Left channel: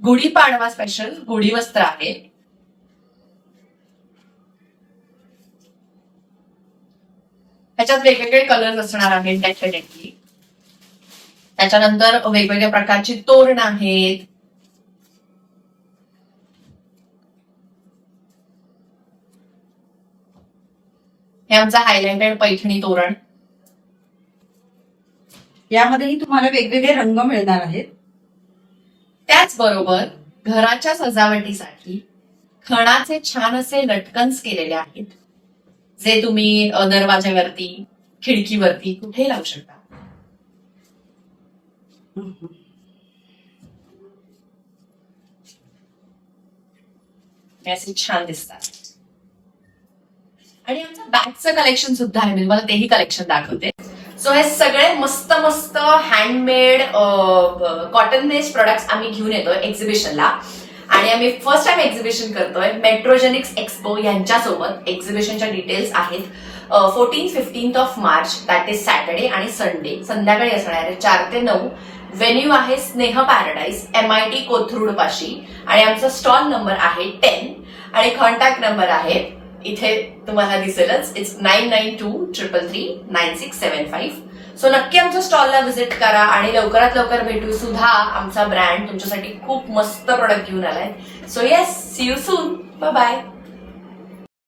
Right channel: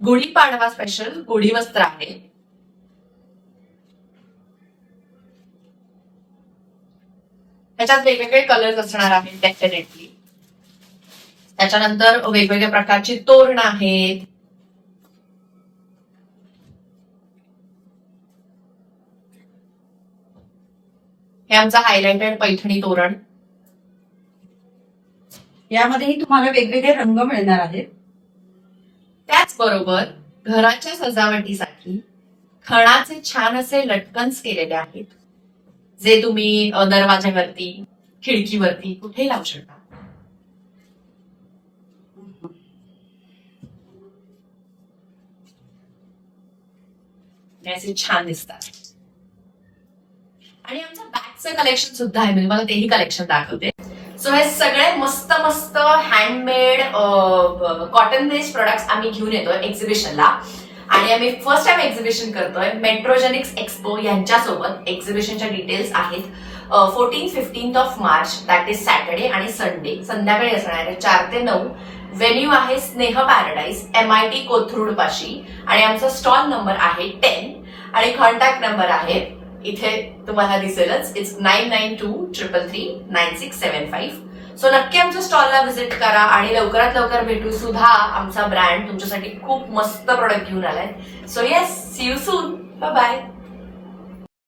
Gudi Padwa special गुढी वस्त्र आहे. ह्याच्यात वेगवेगळे कलर्स असणार आहेत डेफिनेटली. त्याच्यानंतर वेगवेगळ्या प्रकारची तोरण आहेत. हे आमचं हायलाइटेड पैठणी तोरण. यामध्येही तुम्हाला वेगवेगळे रंग मिळणार आहेत. त्याचबरोबर घराच्या सजावटीसाठी खणाचे छान असे लटकन्स केलेले आहेत, जे तुम्ही दरवाज्यावरती, खिडकीवरती कुठेही लावू शकता. हे असे छान दिसतात. आणि आमचं बॅगचं कलेक्शन सुद्धा आहे, मी तुम्हाला तेही कलेक्शन दाखवते. सो हे सगळे मस्त मस्त हँडमेड कॉटन बेस्ड प्रोडक्ट्स आम्ही घेऊन येतोय एक्झिबिशनला. आणि आम्ही फर्स्ट टाइम एक्झिबिशन करतोय मेट्रोजेनिक्स एक्सपो यांच्यासोबत. एक्झिबिशनच्या डिटेल्स आहेत 14-15 of March, that is Saturday आणि संडे संध्याकाळी असणार आहे 4 ते 9. व्हेन्यू आहे स्नेह पॅराडाईज, MIT कोथरूड पाशी. आणि आमचा स्टॉल नंबर आहे 10 आणि कॉन्टॅक्ट नंबर आहे इथे तुम्हाला दिसेलच. इट्स 9923339675. सो नक्की आमच्या स्टॉलला व्हिजिट करा आणि लवकरात लवकर भेटू. सुद्धा आमचा ब्रँड तुमच्यासाठी खूप मस्त प्रोडक्ट घेऊन आलाय. So yes, see you soon. Bye bye.